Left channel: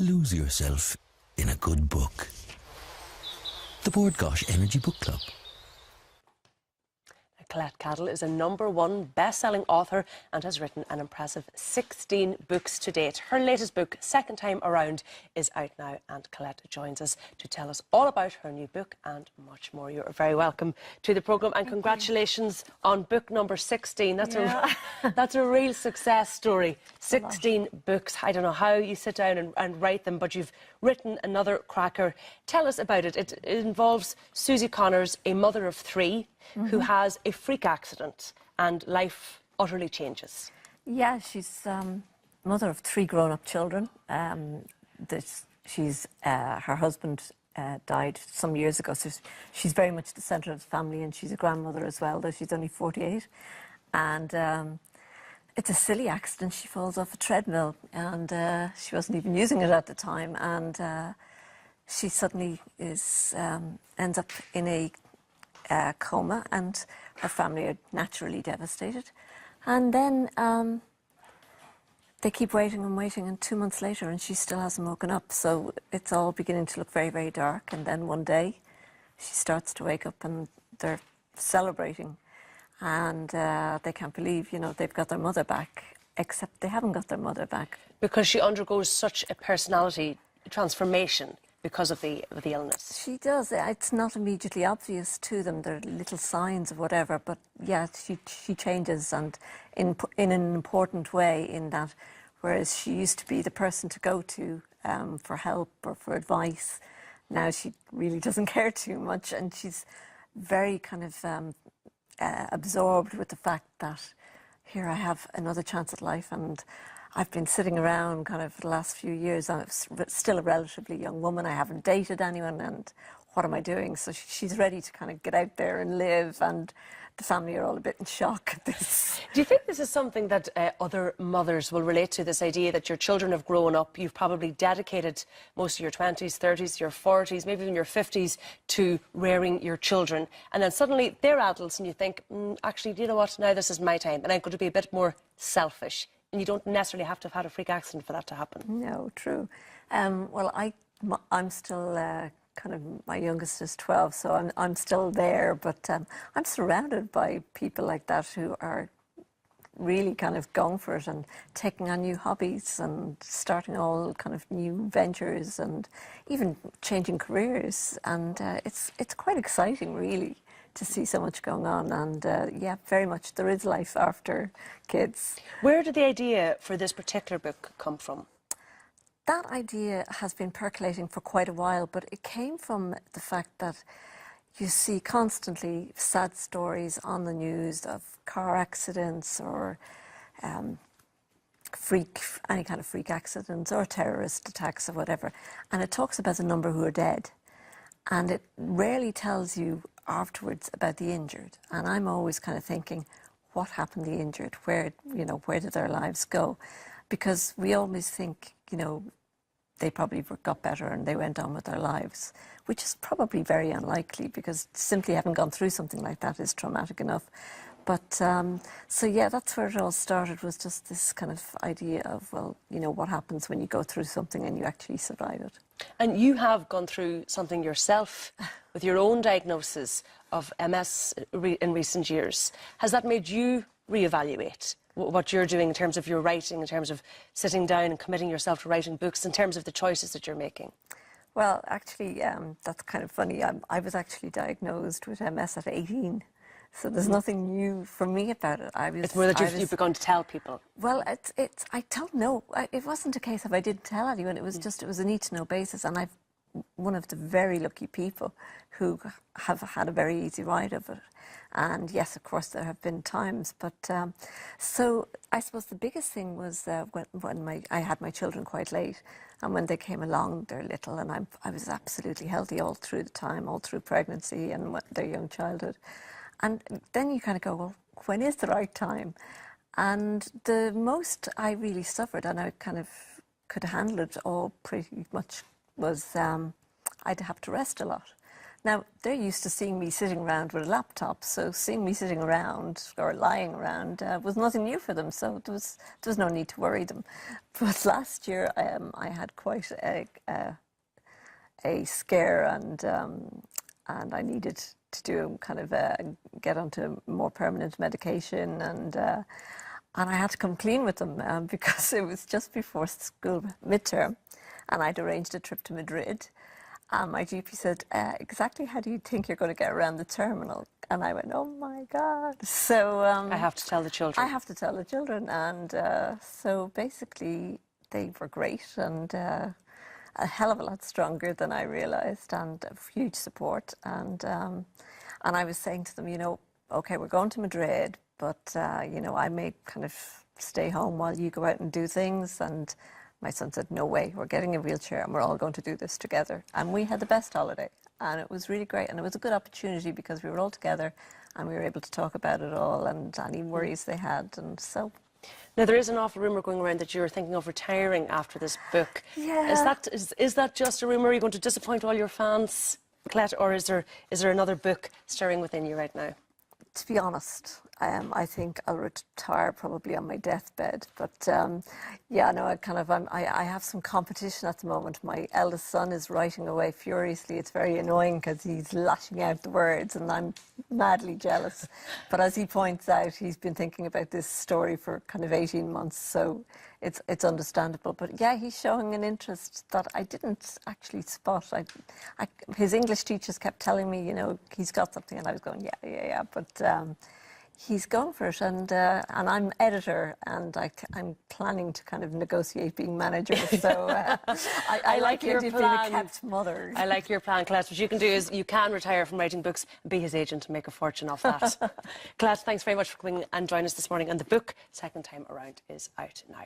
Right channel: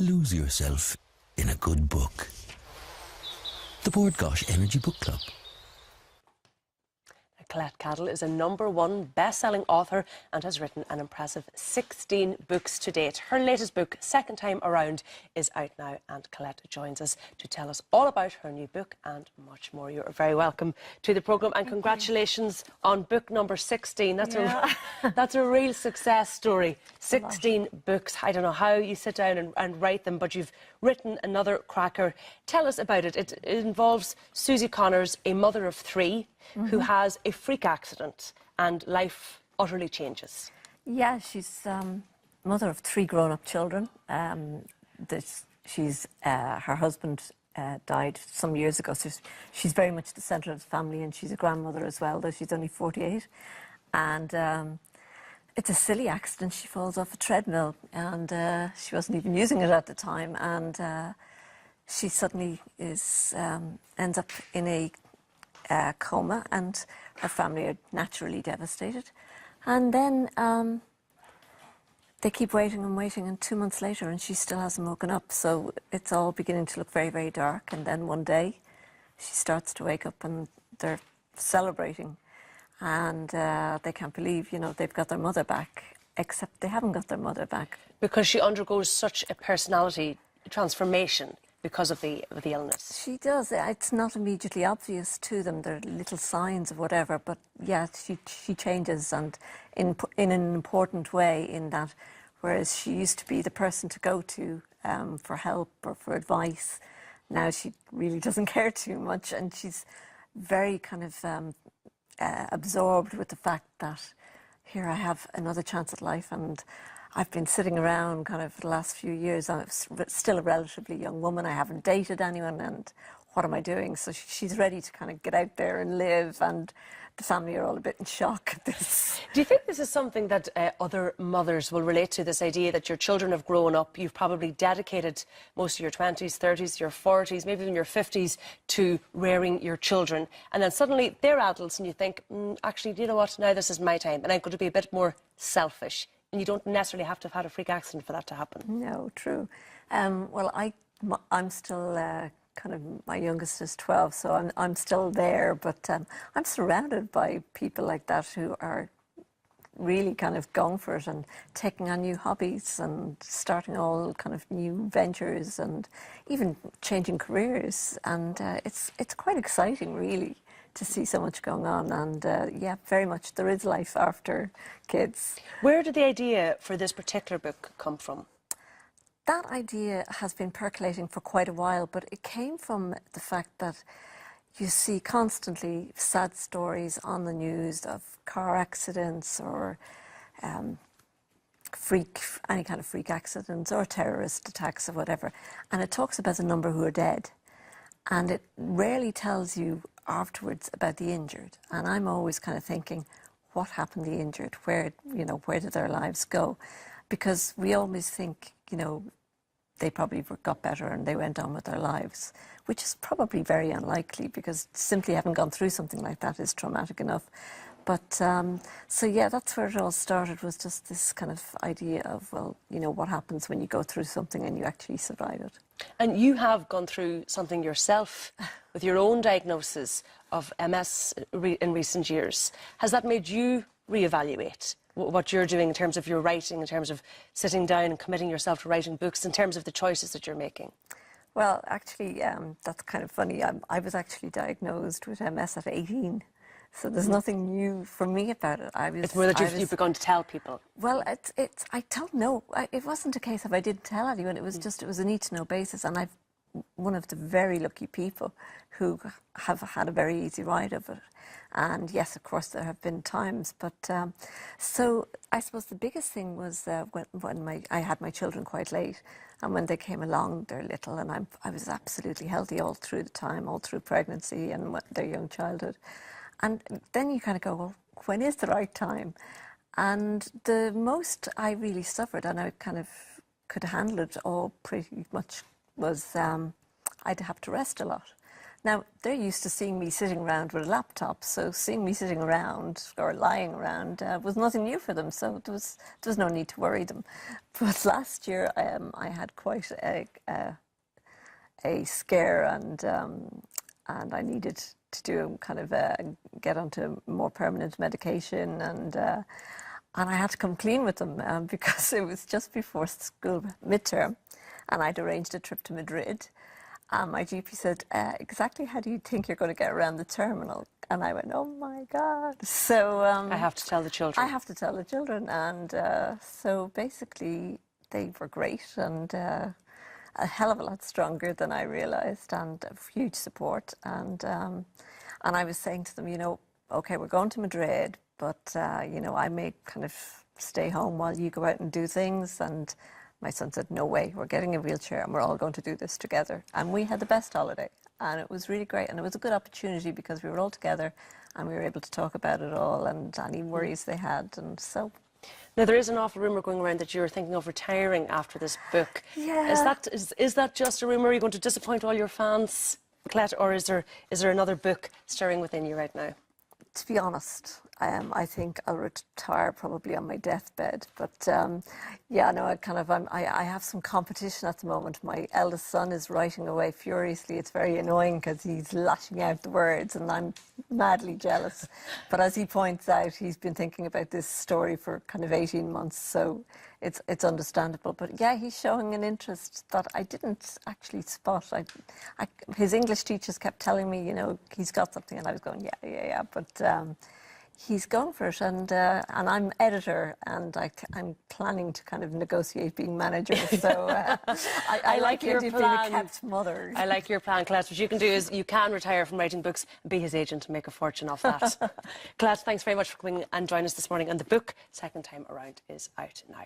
Lose yourself in a good book. The Bordgosh Energy Book Club. Colette Cadell is a #1 best-selling author and has written an impressive 16 books to date. Her latest book, Second Time Around, is out now, and Colette joins us to tell us all about her new book and much more. You're very welcome to the programme, and congratulations on book number 16. That's a real success story. 16 books. I don't know how you sit down and write them, but you've written another cracker. Tell us about it. It involves Susie Connors, a mother of 3, who has a freak accident and life utterly changes. Yeah, she's mother of 3 grown-up children. Her husband died some years ago, so she's very much the centre of the family, and she's a grandmother as well, though she's only 48. And it's a silly accident. She falls off a treadmill, and she wasn't even using it at the time, and she suddenly ends up in a coma, and her family are naturally devastated. And then they keep waiting and waiting, and 2 months later, and she still hasn't woken up. So it's all beginning to look very, very dark. And then one day, she starts to wake up, and they're celebrating, and they can't believe, they've got their mother back, except they haven't got their mother back. Because she undergoes such a personality transformation because of the illness. She does. It's not immediately obvious to them. There are little signs of whatever, but yeah, she changes, and in an important way, in that whereas she used to be the person to go to for help or for advice, now she really doesn't care too much, and she's very kind of absorbed with the fact that here I have another chance at life, and I've been sitting around kind of for the last few years. I'm still a relatively young woman. I haven't dated anyone, and what am I doing? So she's ready to kind of get out there and live, and the family are all a bit in shock at this. Do you think this is something that other mothers will relate to, this idea that your children have grown up, you've probably dedicated most of your 20s, 30s, your 40s, maybe even your 50s to rearing your children, and then suddenly they're adults and you think, actually, you know what, now this is my time, and I'm going to be a bit more selfish. And you don't necessarily have to have had a freak accident for that to happen. No, true. Well, I'm still kind of, my youngest is 12, so I'm still there, but I'm surrounded by people like that who are really kind of going for it and taking on new hobbies and starting all kind of new ventures and even changing careers. And it's quite exciting, really, to see so much going on, and yeah, very much there is life after kids. Where did the idea for this particular book come from? That idea has been percolating for quite a while, but it came from the fact that you see constantly sad stories on the news of car accidents or any kind of freak accidents or terrorist attacks or whatever, and it talks about the number who are dead, and it rarely tells you afterwards about the injured. And I'm always kind of thinking, what happened to the injured? Where did their lives go? Because we always think, they probably got better and they went on with their lives, which is probably very unlikely, because simply having gone through something like that is traumatic enough. But so yeah, that's where it all started, was just this kind of idea of, well, what happens when you go through something and you actually survive it. And you have gone through something yourself with your own diagnosis of MS in recent years. Has that made you reevaluate what you're doing in terms of your writing, in terms of sitting down and committing yourself to writing books, in terms of the choices that you're making? Well, actually, that's kind of funny. I was actually diagnosed with MS at 18. So there's nothing new for me about it. It's more that you've begun to tell people. Well, I don't know. It wasn't a case of I didn't tell anyone. It was a need-to-know basis. And I'm one of the very lucky people who have had a very easy ride of it. And yes, of course, there have been times. But so I suppose the biggest thing was when I had my children quite late. And when they came along, they're little. And I was absolutely healthy all through the time, all through pregnancy and their young childhood. And then you kind of go, well, when is the right time? And the most I really suffered, and I kind of could handle it all pretty much, was I'd have to rest a lot. Now, they're used to seeing me sitting around with a laptop, so seeing me sitting around or lying around was nothing new for them, so there was no need to worry them. But last year, I had quite a scare, and I needed to do kind of get onto more permanent medication, and I had to come clean with them because it was just before school midterm, and I'd arranged a trip to Madrid. My GP said, exactly how do you think you're going to get around the terminal? And I went, oh my God. So I have to tell the children. I have to tell the children. And so basically they were great and a hell of a lot stronger than I realised, and huge support. And I was saying to them, you know, okay, we're going to Madrid, but, you know, I may kind of stay home while you go out and do things. And my son said, no way, we're getting a wheelchair and we're all going to do this together. And we had the best holiday, and it was really great. And it was a good opportunity because we were all together and we were able to talk about it all and any worries they had. And so... Now, there is an awful rumour going around that you're thinking of retiring after this book. Yeah. Is that just a rumour? Are you going to disappoint all your fans, Colette, or is there another book stirring within you right now? To be honest, I think I'll retire probably on my deathbed. But yeah, no, I have some competition at the moment. My eldest son is writing away furiously. It's very annoying because he's lashing out the words, and I'm madly jealous. But as he points out, he's been thinking about this story for kind of 18 months, so it's understandable. But yeah, he's showing an interest that I didn't actually spot. His English teachers kept telling me, you know, he's got something, and I was going, yeah. But he's going for it, and I'm editor, and I'm planning to kind of negotiate being manager. So I like your plan. Being a kept mother. I like your plan, Colette. What you can do is you can retire from writing books and be his agent and make a fortune off that. Colette, thanks very much for coming and joining us this morning. And the book, Second Time Around, is out now.